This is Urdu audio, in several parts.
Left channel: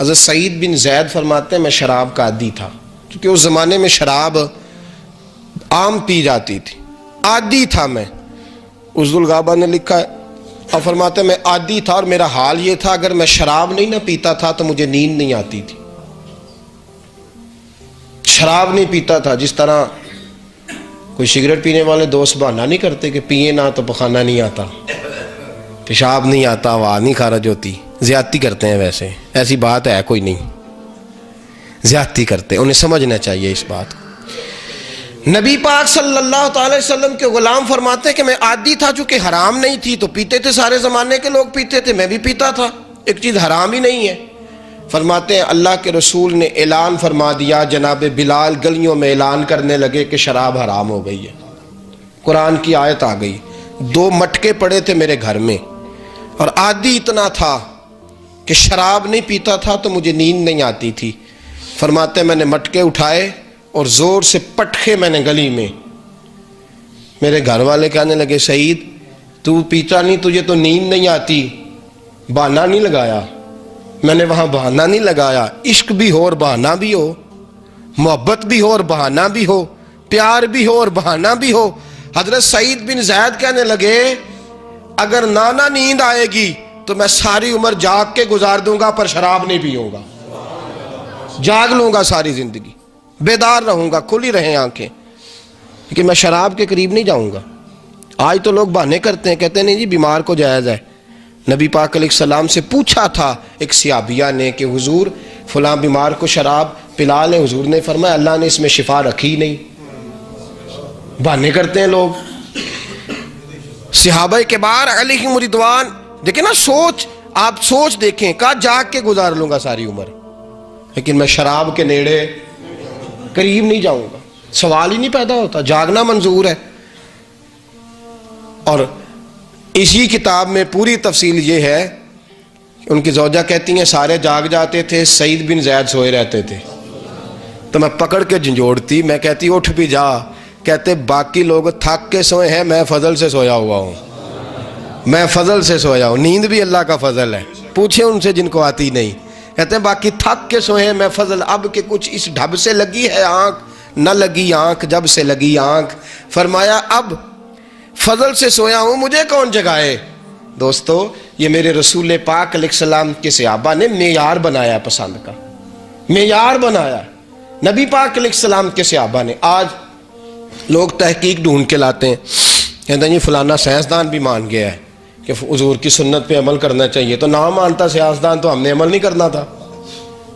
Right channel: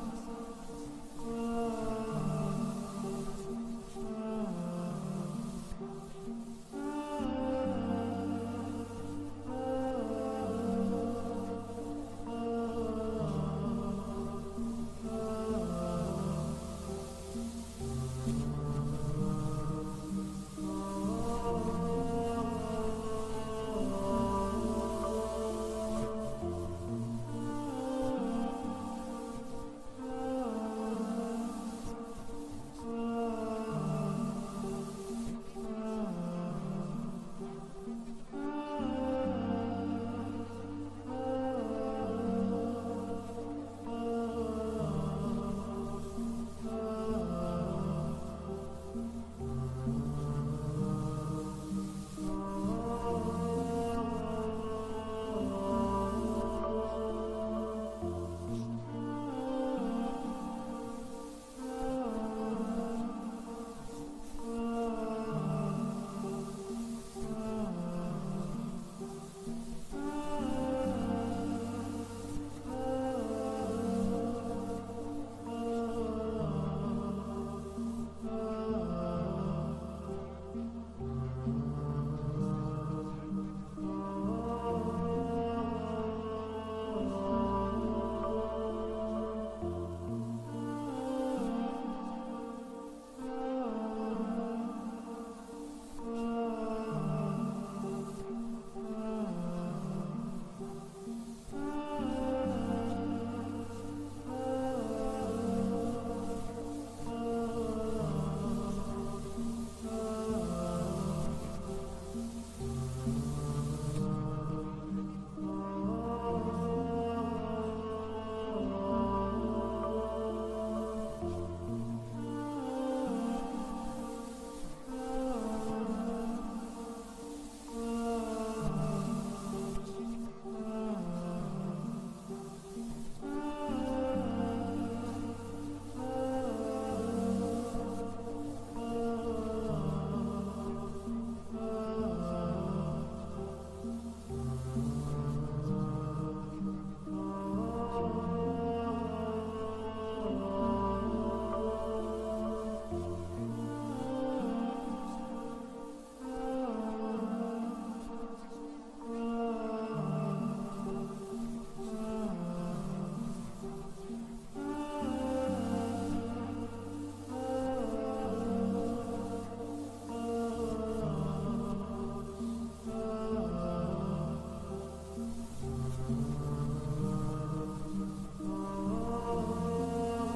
حضرت سعید بن زید فرماتے ہیں میں شراب کا عادی تھا، کیونکہ اس زمانے میں شراب عام پی جاتی تھی، عادی تھا میں۔ عزد الغابہ نے لکھا ہے اور فرماتے ہیں میں عادی تھا، اور میرا حال یہ تھا اگر میں شراب نہیں نہ پیتا تھا تو مجھے نیند نہیں آتی تھی۔ شراب نہیں پیتا تھا، جس طرح کوئی سگریٹ پینے والے دوست بہانہ نہیں کرتے کہ پیئے نہ تو پخانہ نہیں آتا، پیشاب نہیں آتا، آواز نہیں خارج ہوتی، زیادتی کرتے ہیں۔ ویسے ایسی بات ہے کوئی نہیں، زیادتی کرتے، انہیں سمجھنا چاہیے اس بات کو۔ نبی پاک صلی اللہ تعالی وسلم کے غلام فرماتے ہیں کہ میں عادی تھا، چونکہ حرام نہیں تھی تو پیتے تھے، سارے زمانے کے لوگ پیتے تھے، میں بھی پیتا تھا، ایک چیز حرام ہی نہیں ہے۔ فرماتے ہیں اللہ کے رسول نے اعلان فرما دیا، جناب بلال گلیوں میں اعلان کرنے لگے کہ شراب حرام ہو گئی ہے۔ قرآن کی آیت آ گئی، 2 مٹکے پڑے تھے میرے گھر میں، اور عادی اتنا تھا کہ شراب نہیں پیتا تھا تو مجھے نیند نہیں آتی تھی۔ فرماتے ہیں میں نے مٹکے اٹھائے اور زور سے پٹکے میں نے گلی میں۔ میرے گھر والے کہنے لگے سعید تو پیتا نہیں، تجھے تو نیند نہیں آتی، بہانہ نہیں لگایا۔ میں نے وہاں بہانہ نہیں لگایا، عشق بھی ہو اور بہانہ بھی ہو، محبت بھی ہو اور بہانہ بھی ہو، پیار بھی ہو اور بہانہ بھی ہو۔ حضرت سعید بن زید کہنے لگے اگر نانا نیند آئے گی تو میں ساری عمر جاگ کے گزار دوں گا پر شراب نہیں پیوں گا، جاگ لوں گا ساری زندگی، بیدار رہوں گا، کھلی رہیں آنکھیں، لیکن میں شراب کے قریب نہیں جاؤں گا۔ آج تو لوگ بہانے کرتے ہیں، کہتے ہیں نہیں جی بیمار کو جائز ہے۔ نبی پاک علیہ السلام سے پوچھا تھا ایک صحابیہ نے کہ حضور فلاں بیمار کو شراب پلا لیں، حضور نے فرمایا اللہ نے اس میں شفا رکھی نہیں۔ بہانے کرتے ہیں لوگ۔ صحابہ کبار علیہم رضوان، دیکھیں نا سوچ، آپ سوچ دیکھیں، کہا جاگ کے گزار لوں گا ساری عمر، لیکن میں شراب کے نیڑے قریب نہیں جاؤں گا۔ سوال ہی نہیں پیدا ہوتا، جاگنا منظور ہے۔ اور اسی کتاب میں پوری تفصیل یہ ہے، ان کی زوجہ کہتی ہیں سارے جاگ جاتے تھے، سعید بن زید سوئے رہتے تھے، تو میں پکڑ کے جھنجھوڑتی، میں کہتی اٹھ بھی جا، کہتے باقی لوگ تھک کے سوئے ہیں، میں فضل سے سویا ہوا ہوں، میں فضل سے سویا ہوں، نیند بھی اللہ کا فضل ہے، پوچھیں ان سے جن کو آتی نہیں۔ کہتے ہیں باقی تھک کے سوئے ہیں، میں فضل اب کہ کچھ اس ڈھب سے لگی ہے آنکھ، نہ لگی آنکھ جب سے لگی آنکھ، فرمایا اب فضل سے سویا ہوں، مجھے کون جگائے۔ دوستو یہ میرے رسول پاک علیہ السلام کے صحابہ نے معیار بنایا پسند کا، معیار بنایا نبی پاک علیہ السلام کے صحابہ نے۔ آج لوگ تحقیق ڈھونڈ کے لاتے ہیں، کہتے ہیں یہ فلانا سائنسدان بھی مان گیا ہے کہ حضور کی سنت پہ عمل کرنا چاہیے، تو نہ مانتا سائنسدان تو ہم نے عمل نہیں کرنا تھا۔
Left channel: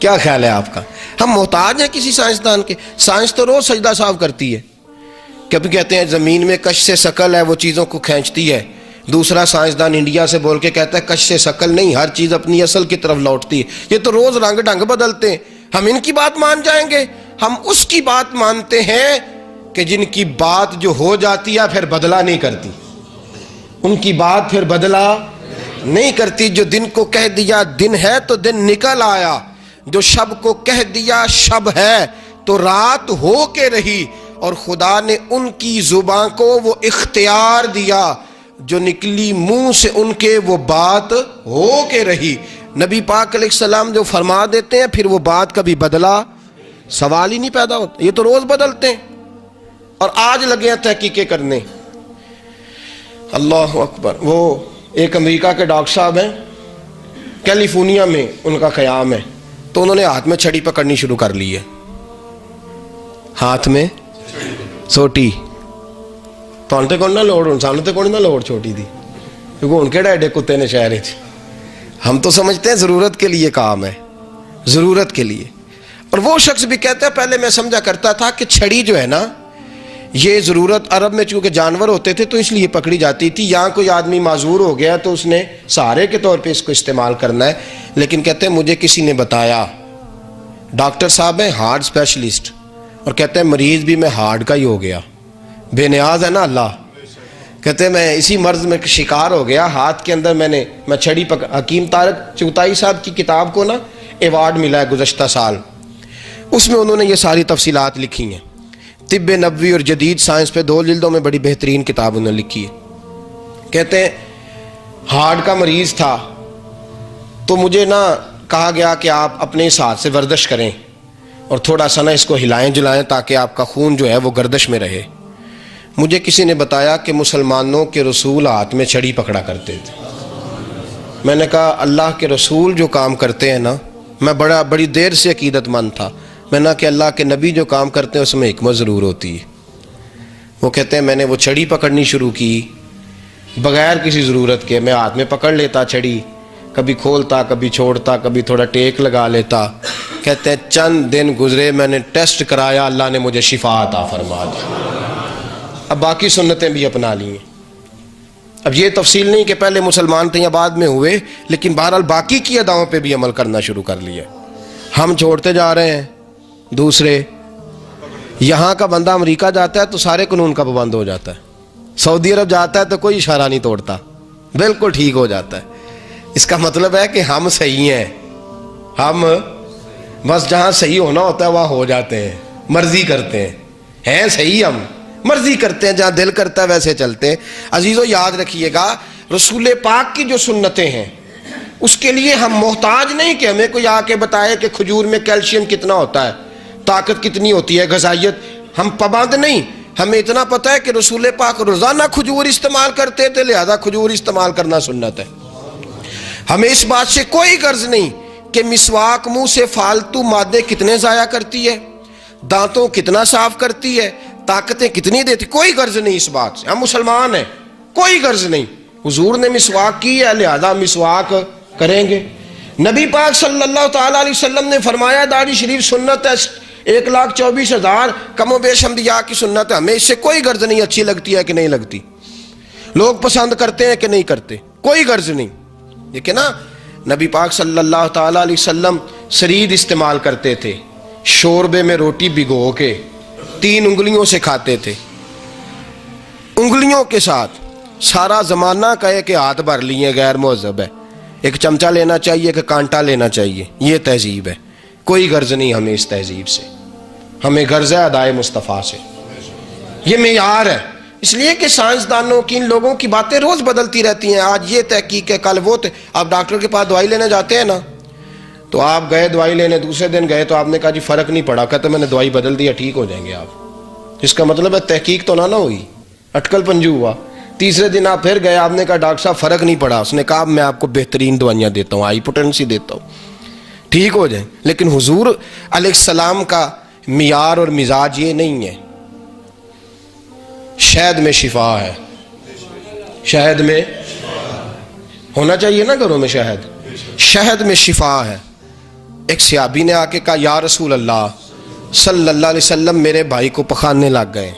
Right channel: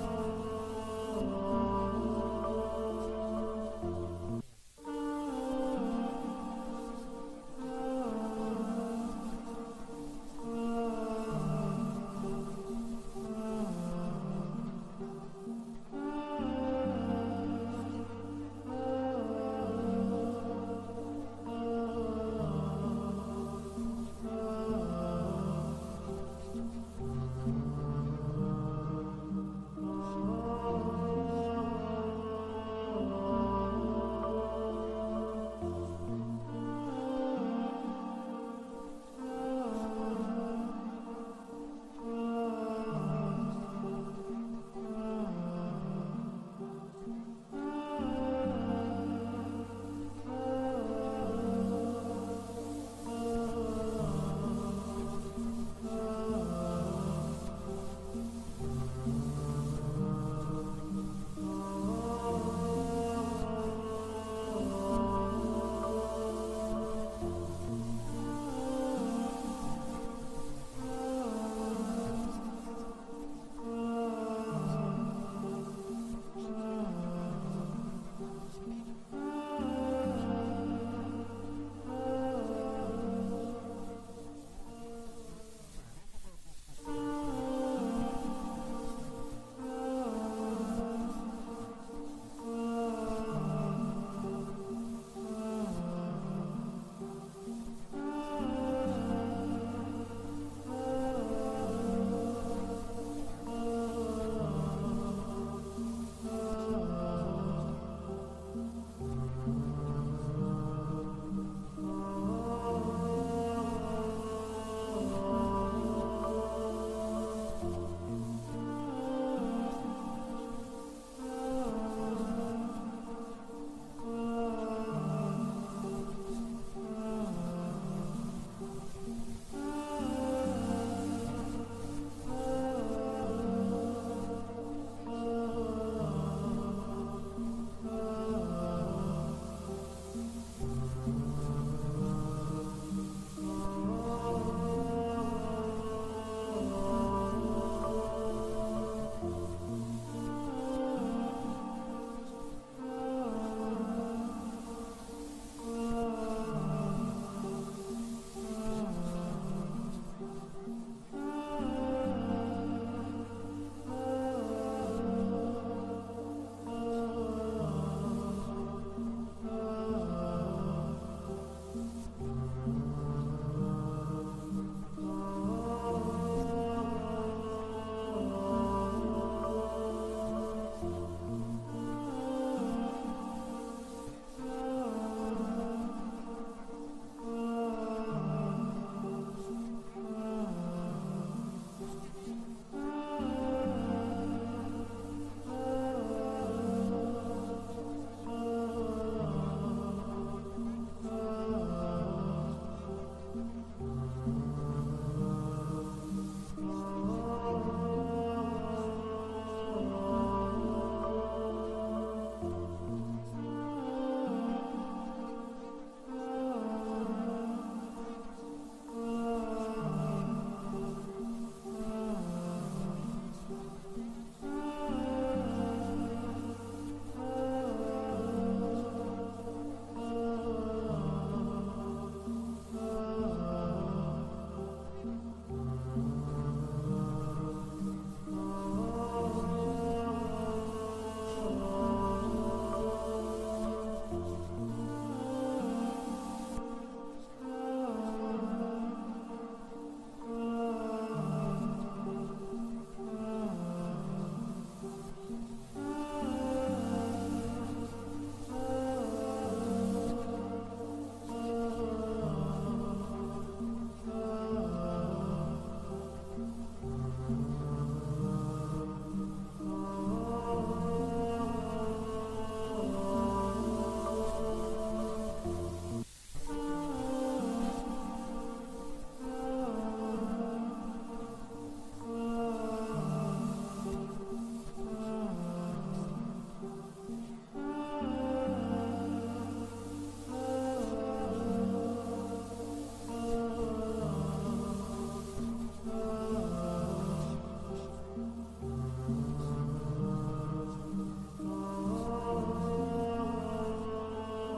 کیا خیال ہے آپ کا؟ ہم محتاج ہیں کسی سائنسدان کے؟ سائنس تو روز سجدہ صاف کرتی ہے، کبھی کہتے ہیں زمین میں کش سے ثقل ہے وہ چیزوں کو کھینچتی ہے، دوسرا سائنسدان انڈیا سے بول کے کہتا ہے کش سے ثقل نہیں، ہر چیز اپنی اصل کی طرف لوٹتی ہے۔ یہ تو روز رنگ ڈھنگ بدلتے ہیں، ہم ان کی بات مان جائیں گے؟ ہم اس کی بات مانتے ہیں کہ جن کی بات جو ہو جاتی ہے پھر بدلا نہیں کرتی، ان کی بات پھر بدلا نہیں کرتی۔ جو دن کو کہہ دیا دن ہے تو دن نکل آیا، جو شب کو کہہ دیا شب ہے تو رات ہو کے رہی، اور خدا نے ان کی زبان کو وہ اختیار دیا، جو نکلی منہ سے ان کے وہ بات ہو کے رہی۔ نبی پاک علیہ السلام جو فرما دیتے ہیں پھر وہ بات کبھی بدلا سوال ہی نہیں پیدا ہوتا، یہ تو روز بدلتے ہیں، اور آج لگے ہیں تحقیقیں کرنے۔ اللہ اکبر۔ وہ ایک امریکہ کے ڈاکٹر صاحب ہیں، کیلیفورنیا میں ان کا قیام ہے، تو انہوں نے ہاتھ میں چھڑی پکڑنی شروع کر لی ہے، ہاتھ میں سوٹی تو انتے کون نہ لوڑ، انسانوں تے کون نہ لوڑ چھوٹی تھی، کیونکہ ان کے ڈیڈے کتے نے شہر ہے۔ ہم تو سمجھتے ہیں ضرورت کے لیے کام ہے، ضرورت کے لیے۔ اور وہ شخص بھی کہتا ہے پہلے میں سمجھا کرتا تھا کہ چھڑی جو ہے نا یہ ضرورت، عرب میں چونکہ جانور ہوتے تھے تو اس لیے پکڑی جاتی تھی، یہاں کوئی آدمی معذور ہو گیا تو اس نے سہارے کے طور پہ اس کو استعمال کرنا ہے۔ لیکن کہتے ہیں مجھے کسی نے بتایا، ڈاکٹر صاحب ہیں ہارٹ اسپیشلسٹ، اور کہتے ہیں مریض بھی میں ہارٹ کا ہی ہو گیا، بے نیاز ہے نا اللہ۔ کہتے ہیں میں اسی مرض میں شکار ہو گیا، ہاتھ کے اندر میں چھڑی حکیم طارق چغتائی صاحب کی کتاب کو نا ایوارڈ ملا ہے گزشتہ سال، اس میں انہوں نے یہ ساری تفصیلات لکھی ہیں، طب نبوی اور جدید سائنس پہ 2 جلدوں میں بڑی بہترین کتاب انہوں نے لکھی ہے۔ کہتے ہیں ہارٹ کا مریض تھا تو مجھے نا کہا گیا کہ آپ اپنے اس ہاتھ سے ورزش کریں اور تھوڑا سا نا اس کو ہلائیں جلائیں تاکہ آپ کا خون جو ہے وہ گردش میں رہے۔ مجھے کسی نے بتایا کہ مسلمانوں کے رسول ہاتھ میں چھڑی پکڑا کرتے تھے۔ میں نے کہا اللہ کے رسول جو کام کرتے ہیں نا، میں بڑی دیر سے عقیدت مند تھا، میں نے کہا کہ اللہ کے نبی جو کام کرتے ہیں اس میں حکمت ضرور ہوتی ہے۔ وہ کہتے ہیں میں نے وہ چھڑی پکڑنی شروع کی بغیر کسی ضرورت کے، میں ہاتھ میں پکڑ لیتا چھڑی، کبھی کھولتا کبھی چھوڑتا، کبھی تھوڑا ٹیک لگا لیتا۔ کہتے ہیں چند دن گزرے، میں نے ٹیسٹ کرایا، اللہ نے مجھے شفا عطا فرما دی۔ اب باقی سنتیں بھی اپنا لی ہیں۔ اب یہ تفصیل نہیں کہ پہلے مسلمان تھے یا بعد میں ہوئے، لیکن بہرحال باقی کی اداؤں پہ بھی عمل کرنا شروع کر لیا۔ ہم چھوڑتے جا رہے ہیں دوسرے۔ یہاں کا بندہ امریکہ جاتا ہے تو سارے قانون کا پابند ہو جاتا ہے، سعودی عرب جاتا ہے تو کوئی اشارہ نہیں توڑتا، بالکل ٹھیک ہو جاتا ہے۔ اس کا مطلب ہے کہ ہم صحیح ہیں، ہم بس جہاں صحیح ہونا ہوتا ہے وہاں ہو جاتے ہیں، مرضی کرتے ہیں صحیح، ہم مرضی کرتے ہیں، جہاں دل کرتا ہے ویسے چلتے ہیں۔ عزیزو یاد رکھیے گا، رسول پاک کی جو سنتیں ہیں اس کے لیے ہم محتاج نہیں کہ ہمیں کوئی آ کے بتائے کہ کھجور میں کیلشیم کتنا ہوتا ہے، طاقت کتنی ہوتی ہے، غذائیت۔ ہم پابند نہیں، ہمیں اتنا پتہ ہے کہ رسول پاک روزانہ کھجور استعمال کرتے تھے، لہذا کھجور استعمال کرنا سنت ہے۔ ہمیں اس بات سے کوئی غرض نہیں کہ مسواک منہ سے فالتو مادے کتنے ضائع کرتی ہے، دانتوں کتنا صاف کرتی ہے، طاقتیں کتنی دیتی، کوئی غرض نہیں اس بات سے۔ ہم مسلمان ہیں، کوئی غرض نہیں۔ حضور نے مسواک کی ہے لہذا مسواک کریں گے۔ نبی پاک صلی اللہ تعالیٰ علیہ وسلم نے فرمایا داڑھی شریف سنت ہے، 1,24,000 کم و بیش انبیاء کی سنت ہے، ہمیں اس سے کوئی غرض نہیں اچھی لگتی ہے کہ نہیں لگتی، لوگ پسند کرتے ہیں کہ نہیں کرتے، کوئی غرض نہیں۔ لیکن نا نبی پاک صلی اللہ تعالیٰ علیہ وسلم سرید استعمال کرتے تھے، شوربے میں روٹی بھگو کے 3 انگلیوں سے کھاتے تھے، انگلیوں کے ساتھ۔ سارا زمانہ کہے کہ ہاتھ بھر لیے غیر مہذب ہے، ایک چمچہ لینا چاہیے، ایک کانٹا لینا چاہیے، یہ تہذیب ہے۔ کوئی غرض نہیں ہمیں اس تہذیب سے، ہمیں غرض ہے ادائے مصطفیٰ سے، یہ معیار ہے۔ اس لیے کہ سائنسدانوں کی، ان لوگوں کی باتیں روز بدلتی رہتی ہیں، آج یہ تحقیق ہے کل وہ۔ آپ ڈاکٹر کے پاس دوائی لینے جاتے ہیں نا، تو آپ گئے دوائی لینے، دوسرے دن گئے تو آپ نے کہا جی فرق نہیں پڑا، کہتے میں نے دوائی بدل دیا، ٹھیک ہو جائیں گے آپ۔ اس کا مطلب ہے تحقیق تو نہ ہوئی، اٹکل پنجو ہوا۔ تیسرے دن آپ پھر گئے، آپ نے کہا ڈاکٹر صاحب فرق نہیں پڑا، اس نے کہا میں آپ کو بہترین دوائیاں دیتا ہوں، ہائی پوٹینسی دیتا ہوں، ٹھیک ہو جائیں۔ لیکن حضور علیہ السلام کا معیار اور مزاج یہ نہیں ہے۔ شہد میں شفا ہے، شہد میں ہونا چاہیے نا گھروں میں شہد، شہد میں شفا ہے۔ ایک صحابی نے آ کے کہا یا رسول اللہ صلی اللہ علیہ وسلم، میرے بھائی کو پخانے لگ گئے،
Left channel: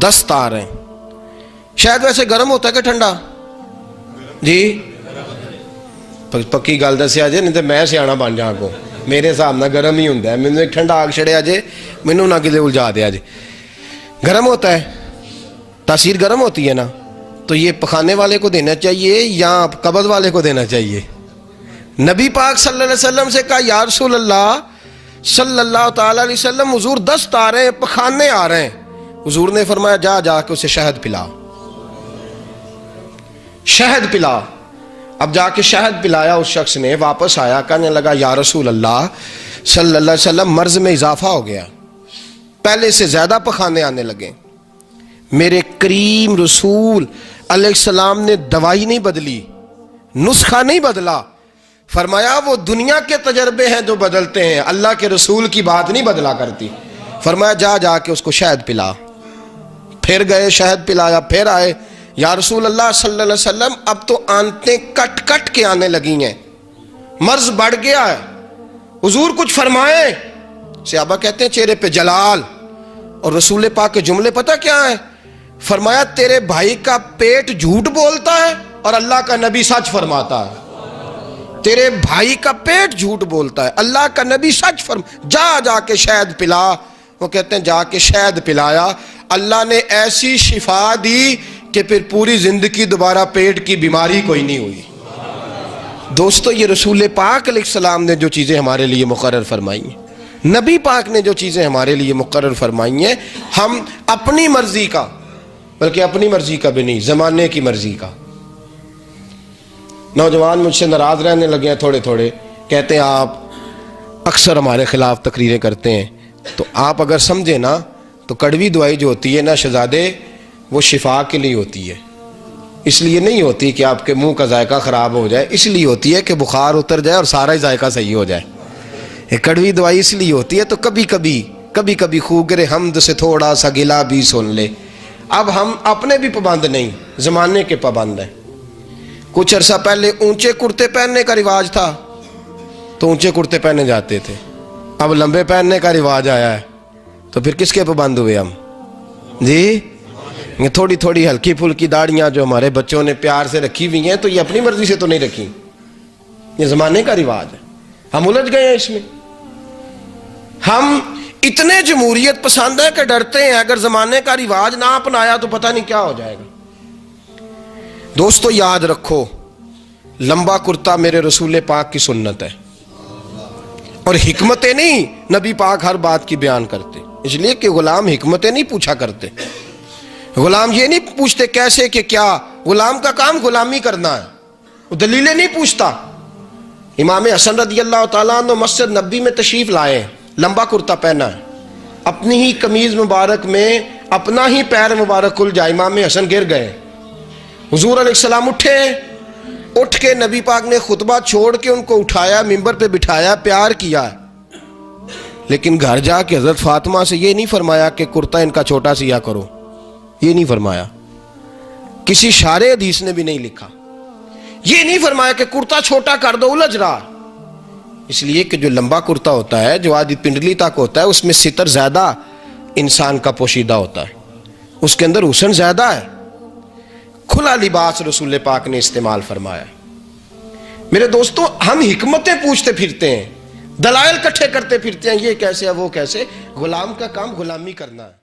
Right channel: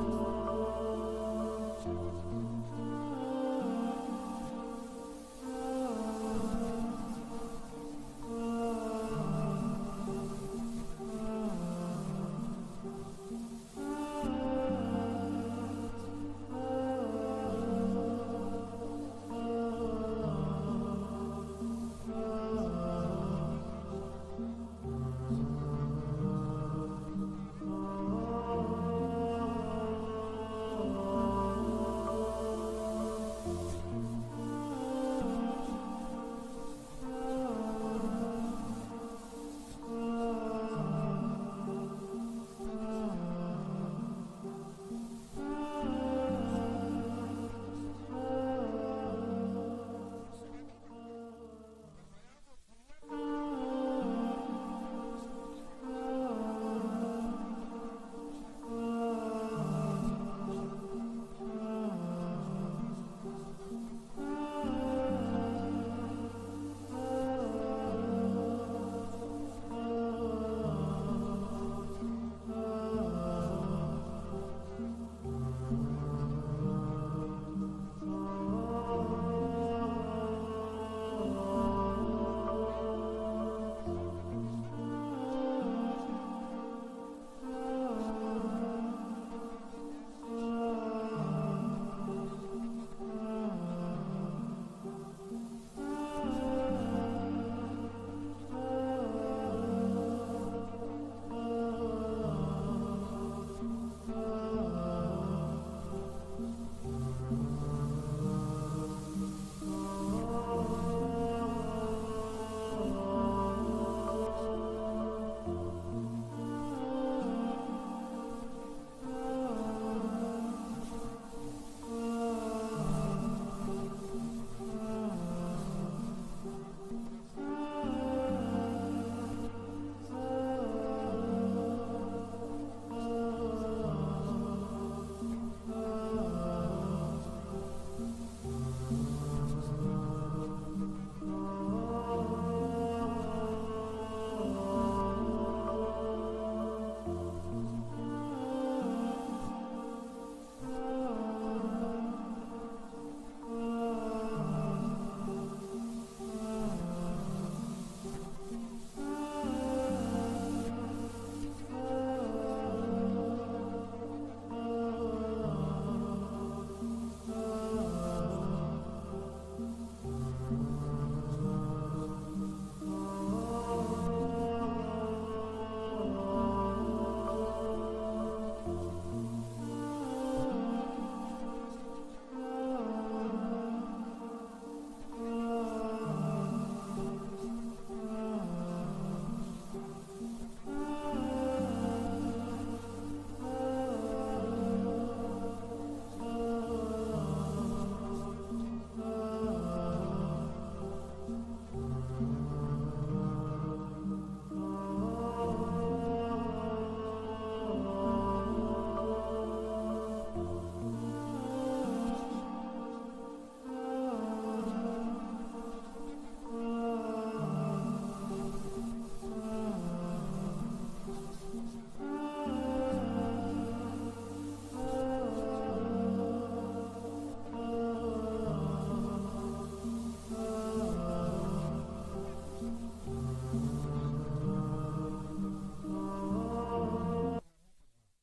دست آ رہے ہیں۔ شہد ویسے گرم ہوتا ہے کہ ٹھنڈا؟ جی پکی گل دسیا جے، نہیں تو میں سیاح بن جا کو، میرے حساب نہ گرم ہی ہوں، مینوں ایک ٹھنڈا آگ چھڑیا جے، مینوں نہ کدے الجھا دیا جے۔ گرم ہوتا ہے، تاثیر گرم ہوتی ہے نا، تو یہ پخانے والے کو دینا چاہیے یا قبض والے کو دینا چاہیے؟ نبی پاک صلی اللہ علیہ وسلم سے کہا یا رسول اللہ صلی اللہ تعالیٰ علیہ وسلم، حضور دست آ رہے ہیں، پخانے آ رہے ہیں۔ حضور نے فرمایا جا کے اسے شہد پلا، شہد پلا۔ اب جا کے شہد پلایا اس شخص نے، واپس آیا کہنے لگا یا رسول اللہ صلی اللہ علیہ وسلم، مرض میں اضافہ ہو گیا، پہلے سے زیادہ پخانے آنے لگے۔ میرے کریم رسول علیہ السلام نے دوائی نہیں بدلی، نسخہ نہیں بدلا، فرمایا وہ دنیا کے تجربے ہیں جو بدلتے ہیں، اللہ کے رسول کی بات نہیں بدلا کرتی۔ فرمایا جا کے اس کو شہد پلا۔ پھر گئے، شہد پلایا، پھر آئے یا رسول اللہ صلی اللہ علیہ وسلم، اب تو آنتیں کٹ کٹ کے آنے لگی ہیں، مرض بڑھ گیا ہے، حضور کچھ فرمائیں۔ صحابہ کہتے ہیں چہرے پہ جلال، اور رسول پاک کے جملے پتہ کیا ہیں؟ فرمایا تیرے بھائی کا پیٹ جھوٹ بولتا ہے اور اللہ کا نبی سچ فرماتا ہے۔ تیرے بھائی کا پیٹ جھوٹ بولتا ہے، اللہ کا نبی سچ جا کے شہد پلا۔ وہ کہتے ہیں جا کے شہد پلایا، اللہ نے ایسی شفا دی کہ پھر پوری زندگی دوبارہ پیٹ کی بیماری کوئی نہیں ہوئی۔ دوستو یہ رسول پاک علیہ السلام نے جو چیزیں ہمارے لیے مقرر فرمائی ہیں، نبی پاک نے جو چیزیں ہمارے لیے مقرر فرمائی ہیں، ہم اپنی مرضی کا، بلکہ اپنی مرضی کا بھی نہیں، زمانے کی مرضی کا۔ نوجوان مجھ سے ناراض رہنے لگے ہیں تھوڑے تھوڑے، کہتے ہیں آپ اکثر ہمارے خلاف تقریریں کرتے ہیں، تو آپ اگر سمجھیں نا تو کڑوی دوائی جو ہوتی ہے نا شہزادے، وہ شفا کے لیے ہوتی ہے، اس لیے نہیں ہوتی کہ آپ کے منہ کا ذائقہ خراب ہو جائے، اس لیے ہوتی ہے کہ بخار اتر جائے اور سارا ہی ذائقہ صحیح ہو جائے۔ یہ کڑوی دوائی اس لیے ہوتی ہے تو کبھی کبھی خوگر حمد سے تھوڑا سا گلا بھی سن لے۔ اب ہم اپنے بھی پابند نہیں، زمانے کے پابند ہیں۔ کچھ عرصہ پہلے اونچے کرتے پہننے کا رواج تھا تو اونچے کرتے پہنے جاتے تھے، اب لمبے پہننے کا رواج آیا ہے تو پھر کس کے پابند ہوئے ہم؟ جی یہ تھوڑی تھوڑی ہلکی پھلکی داڑیاں جو ہمارے بچوں نے پیار سے رکھی ہوئی ہیں تو یہ اپنی مرضی سے تو نہیں رکھی، یہ زمانے کا رواج ہے، ہم الجھ گئے ہیں اس میں۔ ہم اتنے جمہوریت پسند ہے کہ ڈرتے ہیں اگر زمانے کا رواج نہ اپنایا تو پتہ نہیں کیا ہو جائے گا۔ دوستو یاد رکھو، لمبا کرتا میرے رسول پاک کی سنت ہے، اور حکمتیں نہیں نبی پاک ہر بات کی بیان کرتے، اس لیے کہ غلام حکمتیں نہیں پوچھا کرتے، غلام یہ نہیں پوچھتے کیسے کہ کیا، غلام کا کام غلامی کرنا ہے، وہ دلیلیں نہیں پوچھتا۔ امام حسن رضی اللہ تعالیٰ عنہ مسجد نبی میں تشریف لائے، لمبا کرتا پہنا ہے، اپنی ہی قمیض مبارک میں اپنا ہی پیر مبارک کھل جائے، امام حسن گر گئے، حضور علیہ السلام اٹھ کے نبی پاک نے خطبہ چھوڑ کے ان کو اٹھایا، ممبر پہ بٹھایا، پیار کیا، لیکن گھر جا کے حضرت فاطمہ سے یہ نہیں فرمایا کہ کرتا ان کا چھوٹا سیا کرو، یہ نہیں فرمایا، کسی شارع حدیث نے بھی نہیں لکھا، یہ نہیں فرمایا کہ کرتا چھوٹا کر دو، الجھ رہا، اس لیے کہ جو لمبا کرتا ہوتا ہے جو آدھی پنڈلی تک ہوتا ہے اس میں ستر زیادہ انسان کا پوشیدہ ہوتا ہے، اس کے اندر حسن زیادہ ہے، کھلا لباس رسول پاک نے استعمال فرمایا۔ میرے دوستو ہم حکمتیں پوچھتے پھرتے ہیں، دلائل کٹھے کرتے پھرتے ہیں، یہ کیسے ہے وہ کیسے، غلام کا کام غلامی کرنا ہے۔